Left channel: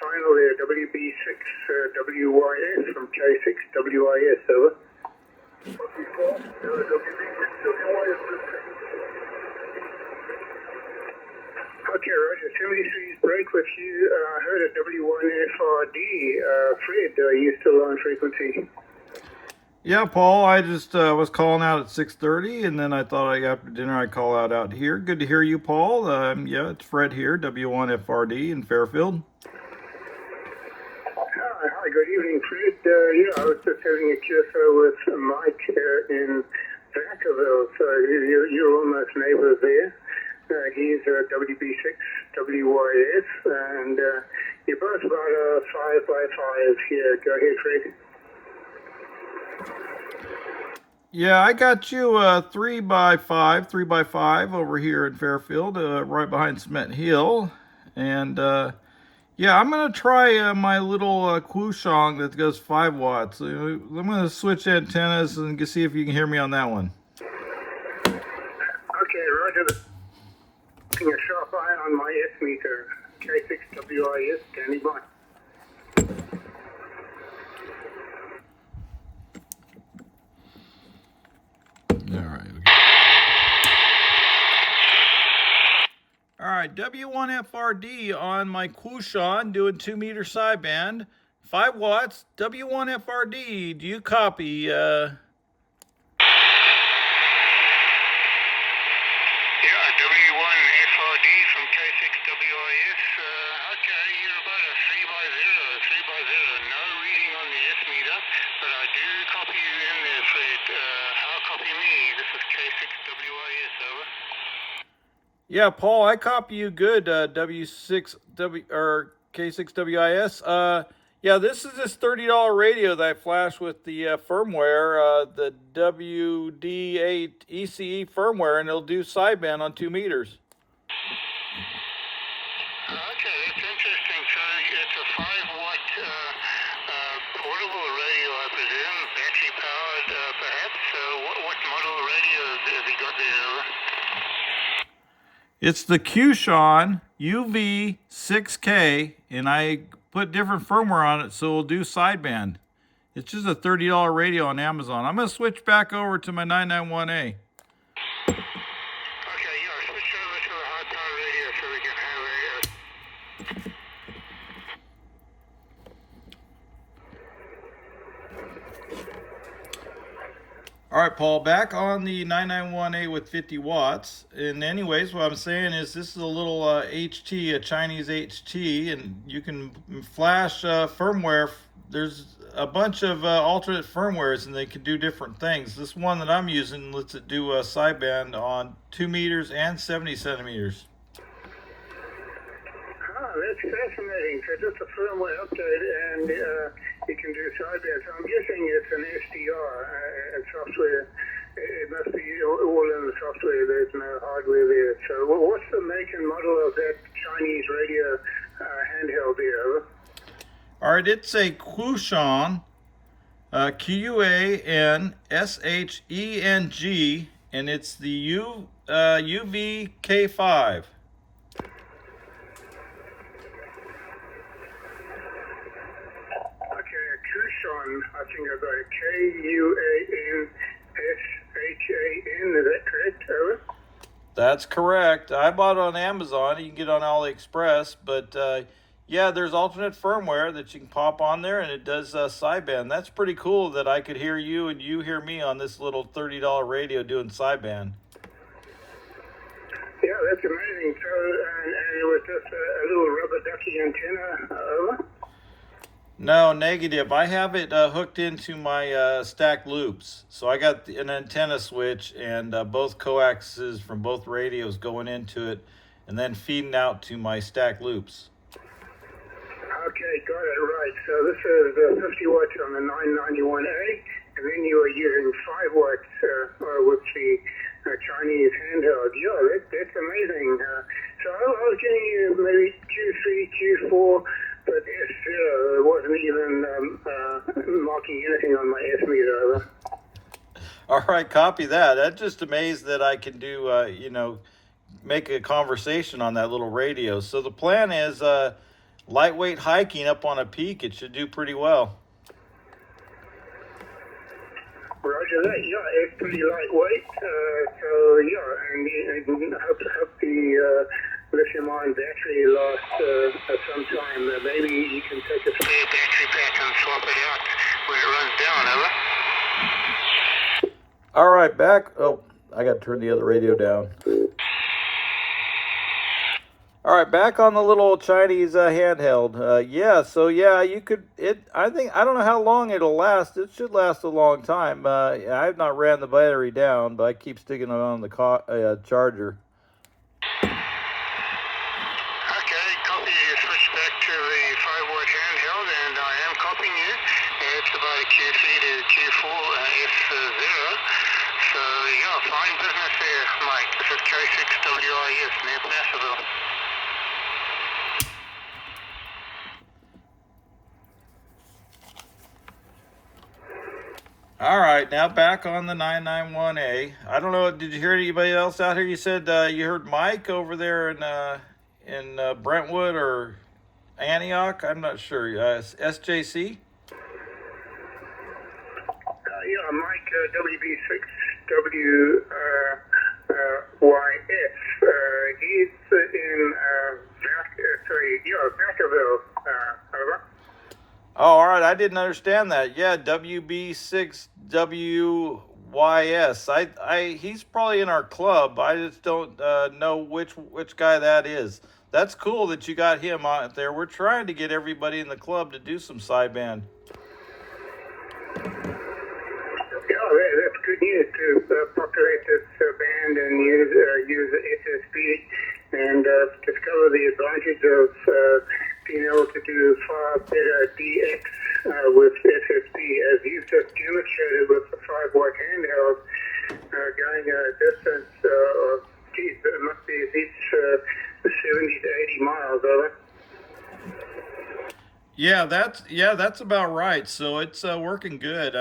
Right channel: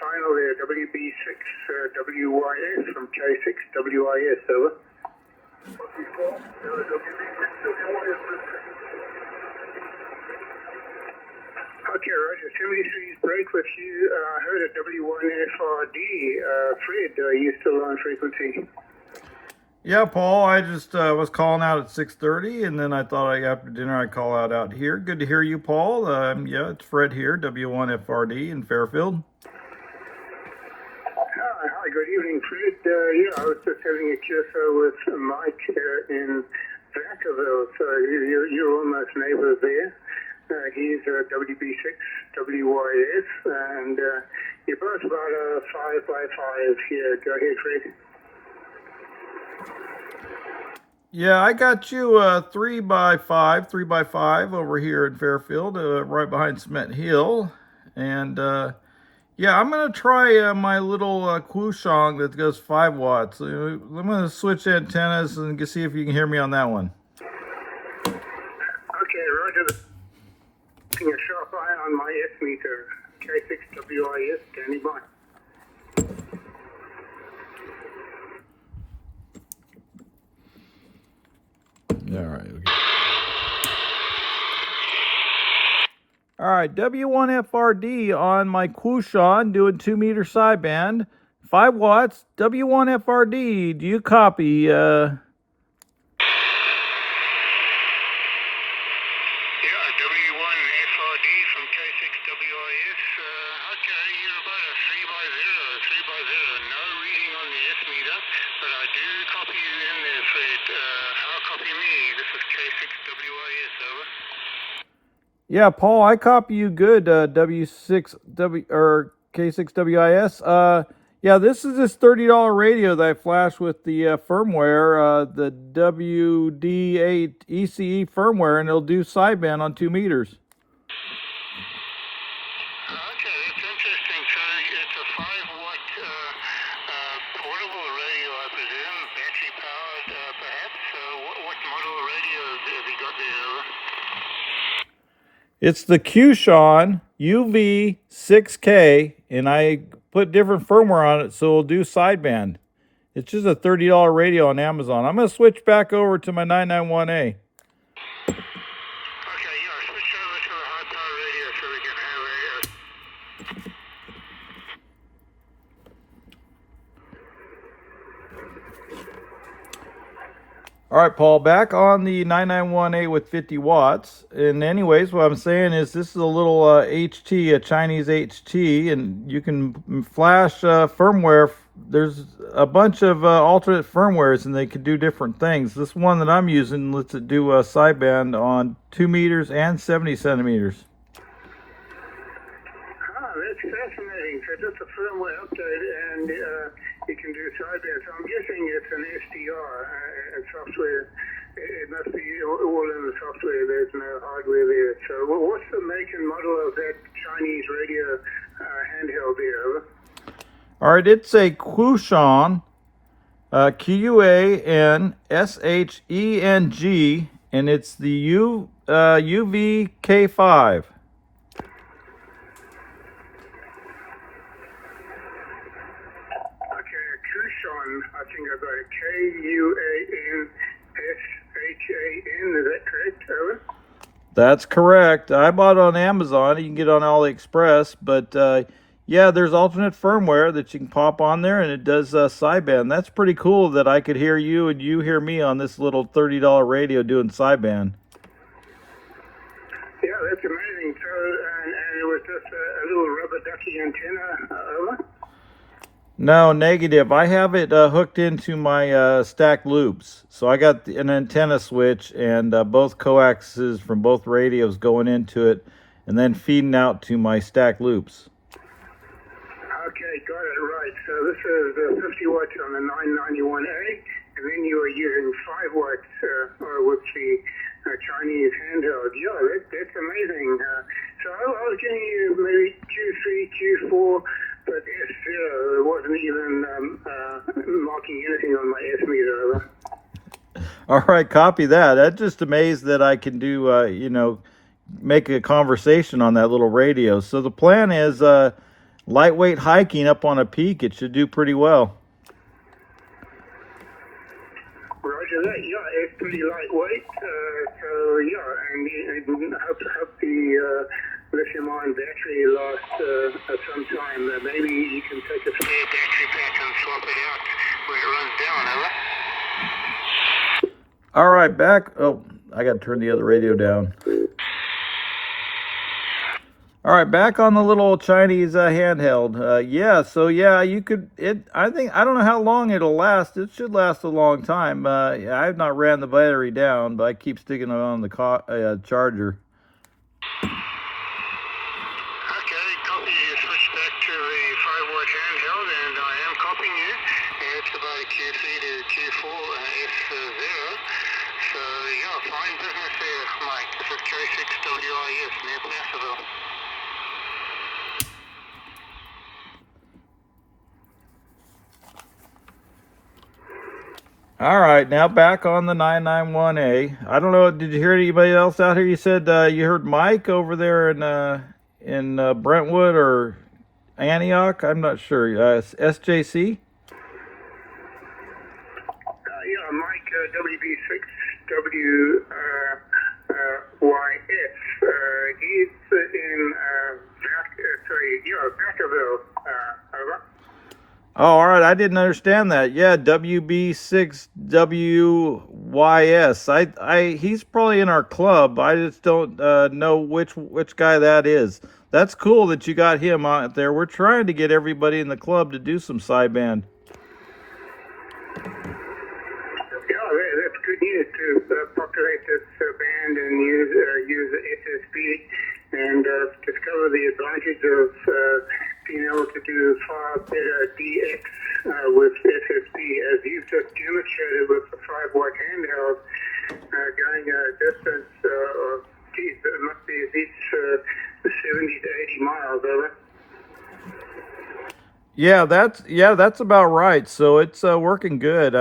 final there, WB6WYS from K6WIS, over. Okay, Roger, 73's break with you. I heard a W1FRD. Fred, are you still on frequency? Yeah, Paul, I just was calling out at 6:30, and then I thought after dinner I'd call out here. Good to hear you, Paul. Yeah, it's Fred here, W1FRD in Fairfield. Hi, good evening, Fred. Yeah, I was just having a QSO with Mike in Vacaville, so you're almost neighbors there. He's WB6WYS, and you're both about a 5x5 here. Go ahead, Fred. Yeah, I got you 3x5 over here in Fairfield, right behind Cement Hill. And yeah, I'm going to try my little Quansheng that goes 5 watts. I'm going to switch antennas and see if you can hear me on that one. Okay, Roger. Keeping a sharp eye on my S meter. K6WIS, standing by. All right, W1FRD on my Quansheng doing 2 meter sideband, 5 watts, W1FRD, do you copy? Yeah, W1FRD from K6WIS. Okay, you're about a 3x0. No reading on the S meter, but I do copy you in there, Fred. How copy me? This is K6WIS, over. Yeah, Paul, I copy you good, K6WIS. Yeah, this is this $30 radio that I flashed with the firmware, the WD8 ECE firmware, and it'll do sideband on 2 meters. Okay, that's interesting. So it's a 5-watt portable radio, I presume, battery powered, perhaps. What model radio have you got there, over? It's the Quansheng UV6K, and I put different firmware on it so it'll do sideband. It's just a $30 radio on Amazon. I'm going to switch back over to my 991A. Okay, yeah, switch over to the high power radio so we can have All right, Paul, back on the 991A with 50 watts. And anyways, what I'm saying is this is a little HT, a Chinese HT, and you can flash firmware. There's a bunch of alternate firmwares, and they can do different things. This one that I'm using lets it do a sideband on 2 meters and 70 centimeters. That's fascinating. So just a firmware update, and you can do sideband. So I'm guessing it's an SDR and software. It must be all in the software. There's no hardware there. So what's the make and model of that Chinese radio handheld there, over? All right, it's a Quansheng, Quansheng, and it's the UVK5. I think I've got a Quansheng, is that correct, over? That's correct. I bought it on Amazon. You can get it on AliExpress, but yeah, there's alternate firmware that you can pop on there, and it does sideband. That's pretty cool that I could hear you and you hear me on this little $30 radio doing sideband. Yeah, that's amazing. So, and it was just a little rubber ducky antenna, over? No, negative. I have it hooked into my stacked loops. So I got an antenna switch and both coaxes from both radios going into it and then feeding out to my stacked loops. Okay, got it, right. So this is 50 watts on the 991A, and then you are using 5 watts with the Chinese handheld. Yeah, that's amazing. So I was getting you maybe Q3, Q4, but S0, it wasn't even marking anything on my S meter, over. All right, copy that. I'm just amazed that I can do, you know, make a conversation on that little radio. So the plan is lightweight hiking up on a peak, it should do pretty well. Roger that. Yeah, it's pretty lightweight. So yeah, and I hope the lithium-ion battery lasts some time. Maybe you can take a spare battery pack and swap it out when it runs down. Over. All right, back. Oh, I got to turn the other radio down. All right, back on the little Chinese handheld. Yeah, so yeah, you could. I don't know how long it'll last. It should last a long time. I have not ran the battery down, but I keep sticking it on the charger. Okay, copy. You switch back to the 5-watt handheld, and I am copying you. It's about a Q3 to Q4 S0. So yeah, fine business there, Mike. This is K6WIS near Placerville. All right, now back on the 991A. I don't know. Did you hear anybody else out here? You said you heard Mike over there in Brentwood or Antioch. I'm not sure. SJC. Yeah, Mike WB6WYS. He's in Vacaville. Over. Oh, all right. I didn't understand that. Yeah, WB6WYS. He's probably in our club. I just don't know which guy that is. That's cool that you got him out there. We're trying to get everybody in the club to do some sideband. Yeah, that's good news to populate this band and use SSB and discover the advantage of being able to do far better DX with SSB, as you've just demonstrated with the 5-watt handheld, going a distance of, geez, it must be at least 70 to 80 miles, over. Yeah, that's about right. So it's working good.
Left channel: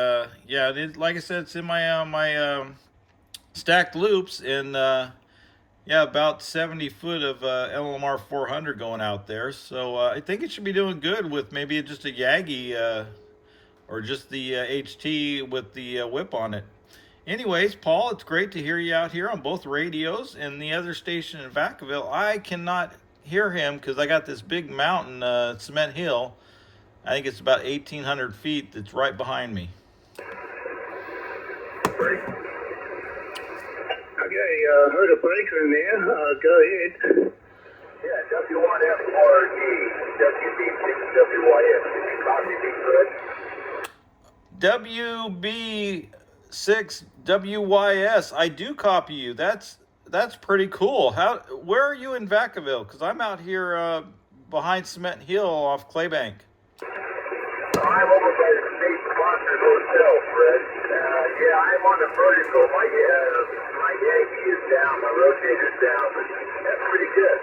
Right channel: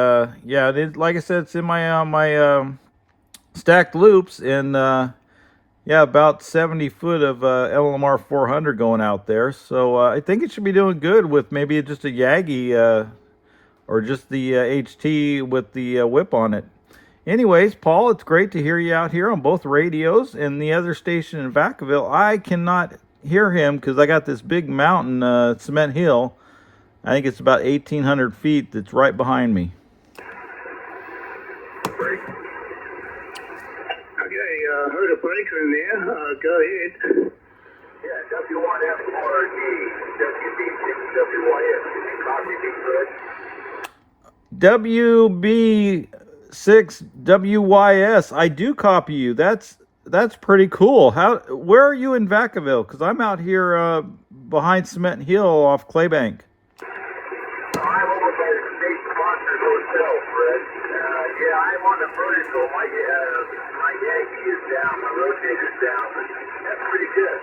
Yeah, like I said, it's in my stacked loops, and yeah, about 70 foot of LMR 400 going out there. So I think it should be doing good with maybe just a Yagi or just the HT with the whip on it. Anyways, Paul, it's great to hear you out here on both radios. And the other station in Vacaville, I cannot hear him because I got this big mountain, Cement Hill. I think it's about 1,800 feet that's right behind me. Okay, heard a breaker in there. Go ahead. Yeah, W1FRD, WB6WYS. WB6WYS. I do copy you. That's pretty cool. Where are you in Vacaville? Because I'm out here behind Cement Hill off Claybank. I'm over by the state-sponsored hotel, Fred. Yeah, I'm on the vertical. My Yankee is down, my rotator's down, but that's pretty good.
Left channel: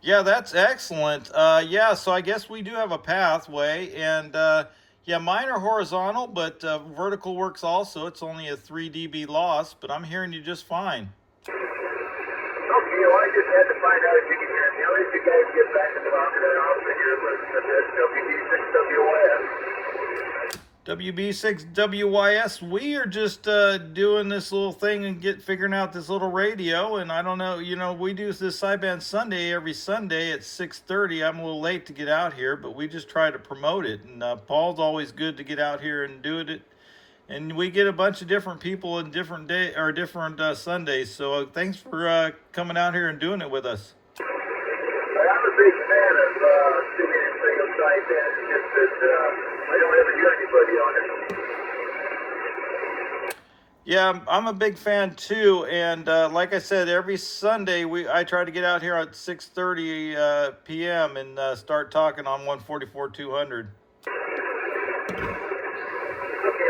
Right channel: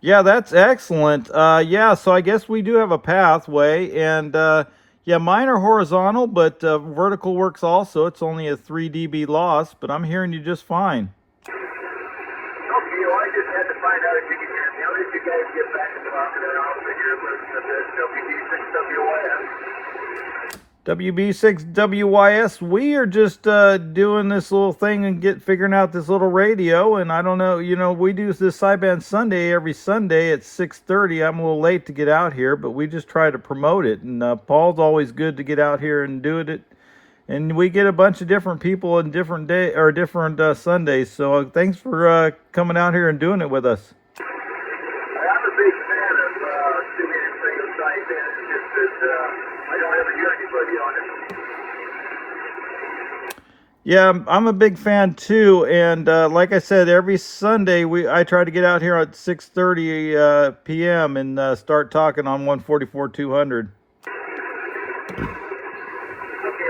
Yeah, that's excellent. Yeah, so I guess we do have a pathway, and yeah, mine are horizontal, but vertical works also. It's only a 3 dB loss, but I'm hearing you just fine. Okay, well, I just had to find out if you could hear me. I'll let you guys get back to talking, and I'll figure it WB6WYS. We are just doing this little thing and figuring out this little radio, and I don't know, we do this Sideband Sunday every Sunday at 6:30. I'm a little late to get out here, but we just try to promote it, and Paul's always good to get out here and do it, and we get a bunch of different people in different Sundays. So thanks for coming out here and doing it with us. I'm a big fan of singing and playing sideband. It's just that I don't ever hear anybody on it. Yeah, I'm a big fan too, and like I said, every Sunday I try to get out here at 6:30 p.m. and start talking on 144-200. Okay,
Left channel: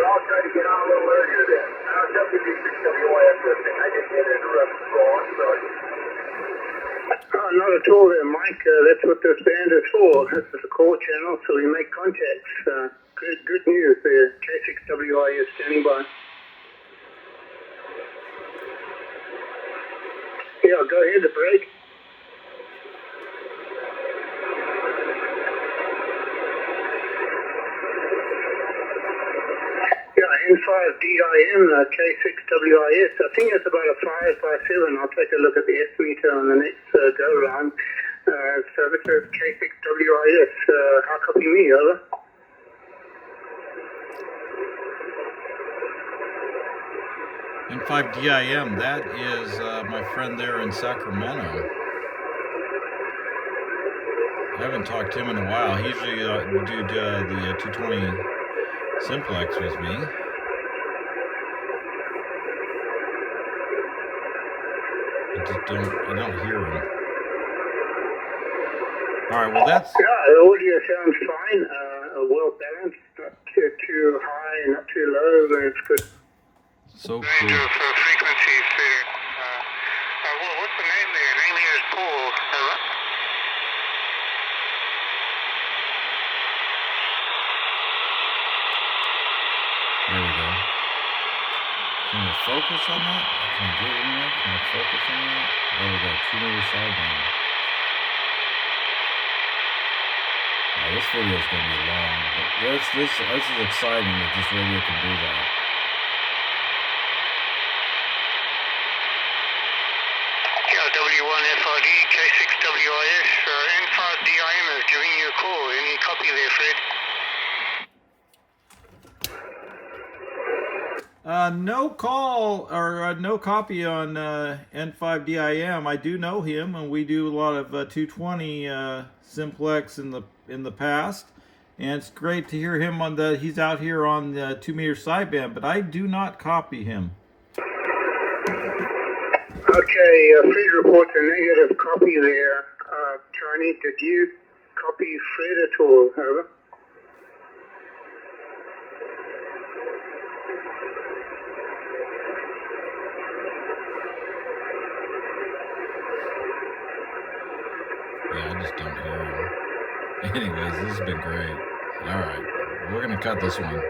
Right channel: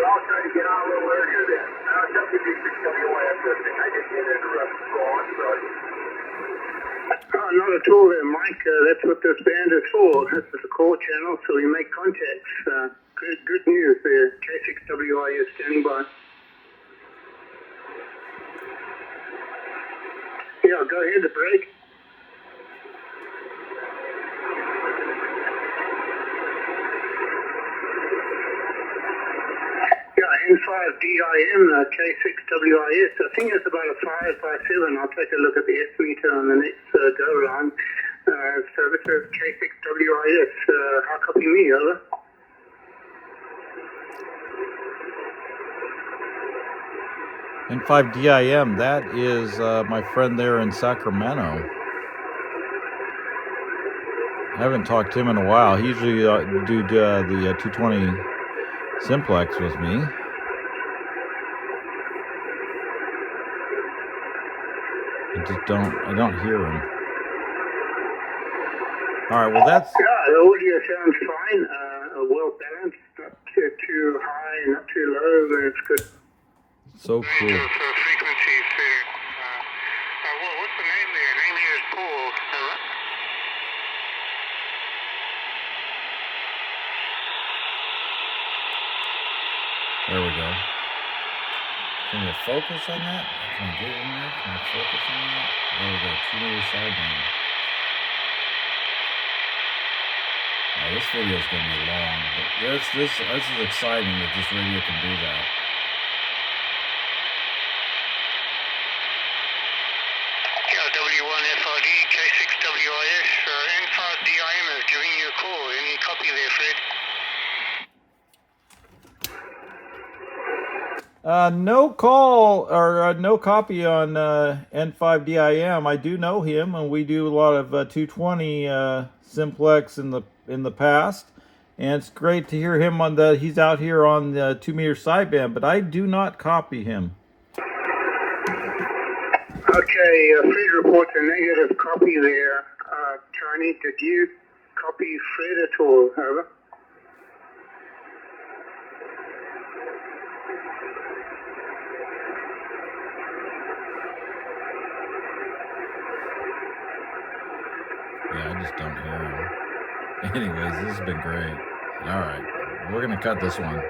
I'll try to get on a little earlier then. WB6WYS listening. I didn't get interrupted. Go on, sorry. Not at all there, Mike. That's what this band is for. This is a call channel, so we make contacts. Good news there. K6WIS standing by. Yeah, go ahead, the break. N5DIM, K6WIS. I think it's about a 5x7. I'll take a look at the S-meter on the next go-round. So this is K6WIS. How copy me, over? N5DIM, that is my friend there in Sacramento. I haven't talked to him in a while. He usually do the 220 simplex with me. I don't hear him. All right, well that's... Yeah, the audio sounds fine. Well balanced, not too high, not too low. It's good. So cool. Frequencies there. Well, what's the name there? Name here is Paul. There we go. Can we focus on that? Can I get in there? Can I focus on that? There we go. 2-meter sideband. Now, this video is going to be long, but this is exciting that this radio can do that. W1FRD, K6WIS, N5DIM is giving you a call. Any copy there, Fred? No call or no copy on N5DIM. I do know him, and we do a lot of 220 simplex in the past, and it's great to hear him on the. He's out here on the 2-meter sideband, but I do not copy him. Okay, Fred reports a negative copy there. Charlie, did you copy Fred at all? Over. Yeah, I just don't hear him. Anyways, this has been great. All right, we're going to cut this one.